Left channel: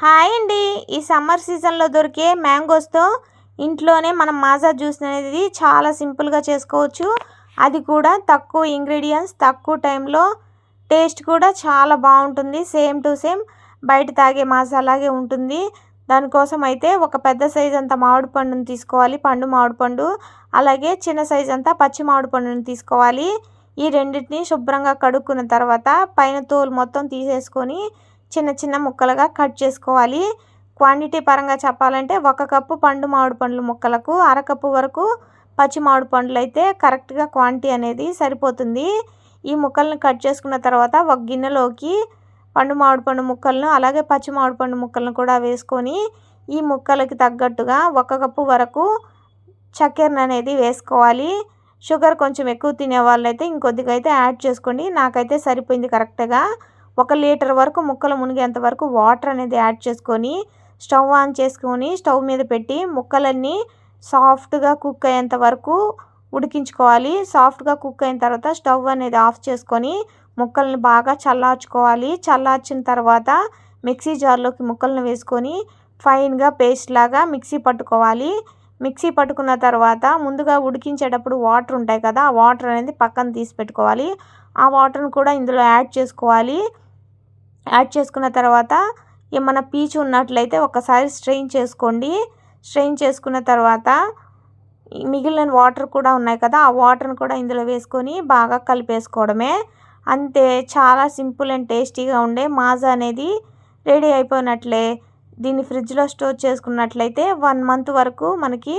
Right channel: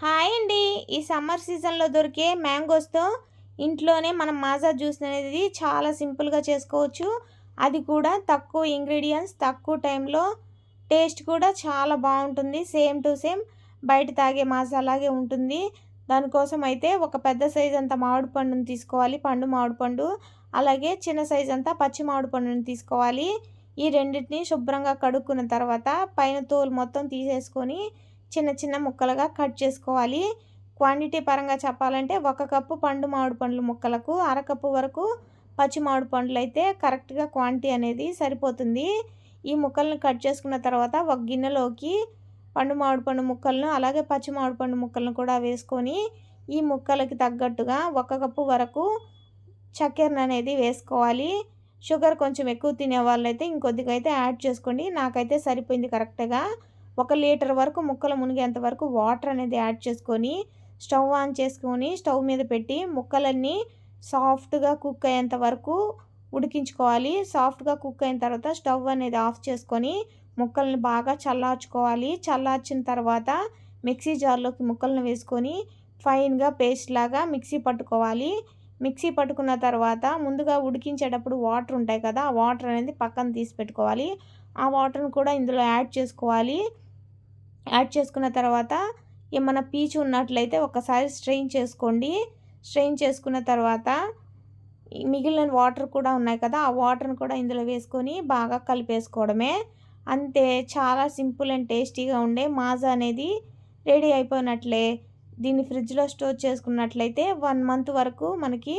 Hi అండి. ఈ summer సీజన్లో దొరికే మ్యాంగోస్తో ఇంట్లోనే మనం మాజా జ్యూస్ అనేది చాలా సింపుల్గా చేసుకోవచ్చు. అది కూడా తక్కువ ఇంగ్రీడియంట్స్ తక్కువ టైంలో. టేస్ట్ కూడా చాలా బాగుంటుంది. సేమ్ టు సేమ్ బయట తాగే మాజా అలాగే ఉంటుంది. దానికోసం అయితే ఒక పెద్ద సైజ్ అంతా మామిడి పండుని తీసుకోవాలి, పండు మామిడి పండు. అలాగే చిన్న సైజ్ అంతా పచ్చి మామిడి పండుని తీసుకోవాలి. ఈ రెండింటిని శుభ్రంగా కడుక్కున్న తర్వాత పైన తోలు మొత్తం తీసేసుకొని చిన్న చిన్న ముక్కలుగా కట్ చేసుకోవాలి. క్వాంటిటీ పరంగా చెప్పాలంటే 1 కప్పు పండు మామిడి పండ్ల ముక్కలకు అరకప్పు వరకు పచ్చి మామిడి పండ్లు అయితే కరెక్ట్గా క్వాంటిటీ అనేది సరిపోతుంది. ఈ ముక్కల్ని కట్ చేసుకున్న తర్వాత ఒక గిన్నెలోకి పండు మామిడి పండు ముక్కలను అలాగే పచ్చి మామిడి పండు ముక్కలను కూడా వేసుకొని ఈ ముక్కలకి తగ్గట్టుగా 1 కప్పు వరకు చక్కెరను అనేది వేసుకోవాలి. షుగర్ కొంచెం ఎక్కువ తినే వాళ్ళైతే ఇంకొద్దిగా అయితే యాడ్ చేసుకోండి. నాకైతే సరిపోయింది కరెక్ట్గా. 1 లీటర్ వరకు ముక్కలు మునిగేంత వరకు వాటర్ అనేది యాడ్ చేసుకొని స్టవ్ ఆన్ చేసుకొని స్టవ్ మీద పెట్టి ముక్కలన్నీ సాఫ్ట్గా కుక్ అయ్యేంత వరకు ఉడికించుకోవాలి. సాఫ్ట్గా కుక్ అయిన తర్వాత స్టవ్ అనేది ఆఫ్ చేసుకొని ముక్కల్ని బాగా చల్లార్చుకోవాలి. చల్లార్చిన తర్వాత మిక్సీ జార్లోకి ముక్కలను వేసుకొని ఫైన్గా పేస్ట్ లాగా మిక్సీ పట్టుకోవాలి. మిక్సీ పట్టుకున్న తర్వాత ముందుగా ఉడికించేటప్పుడు వాటర్ ఉంటాయి కదా, ఆ వాటర్ అనేది పక్కన తీసి పెట్టుకోవాలి. ఆ వాటర్ని కూడా ఇందులో యాడ్ చేసుకోవాలి. యాడ్ చేసుకున్న తర్వాత ఏమైనా పీచు ఉన్నట్లయితే ఒకసారి స్ట్రెయిన్ చేసుకోండి. స్ట్రెయిన్ చేసుకున్న తర్వాత మిగిలిన వాటర్ కూడా ఉన్నాయి కదా, ఆ వాటర్ని కూడా ఇందులో వేసుకొని బాగా కలిపేసుకోవడమే. అంతే, చాలా సింపుల్ అండ్ టేస్టీగా ఉండే మాజా అనేది రెడీ అయిపోయినట్లే. దీన్ని ఫ్రిడ్జ్లో స్టోర్ చేసుకున్నట్లయితే 1 మంత్ వరకు మనకి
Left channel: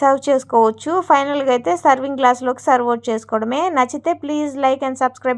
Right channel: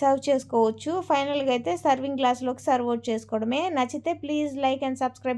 సర్వ్ చేసుకోవచ్చు. ఫైనల్గా అయితే సర్వింగ్ గ్లాస్లోకి సర్వ్ అవుట్ చేసుకోవడమే. నచ్చితే ప్లీజ్ లైక్ అండ్ సబ్స్క్రైబ్.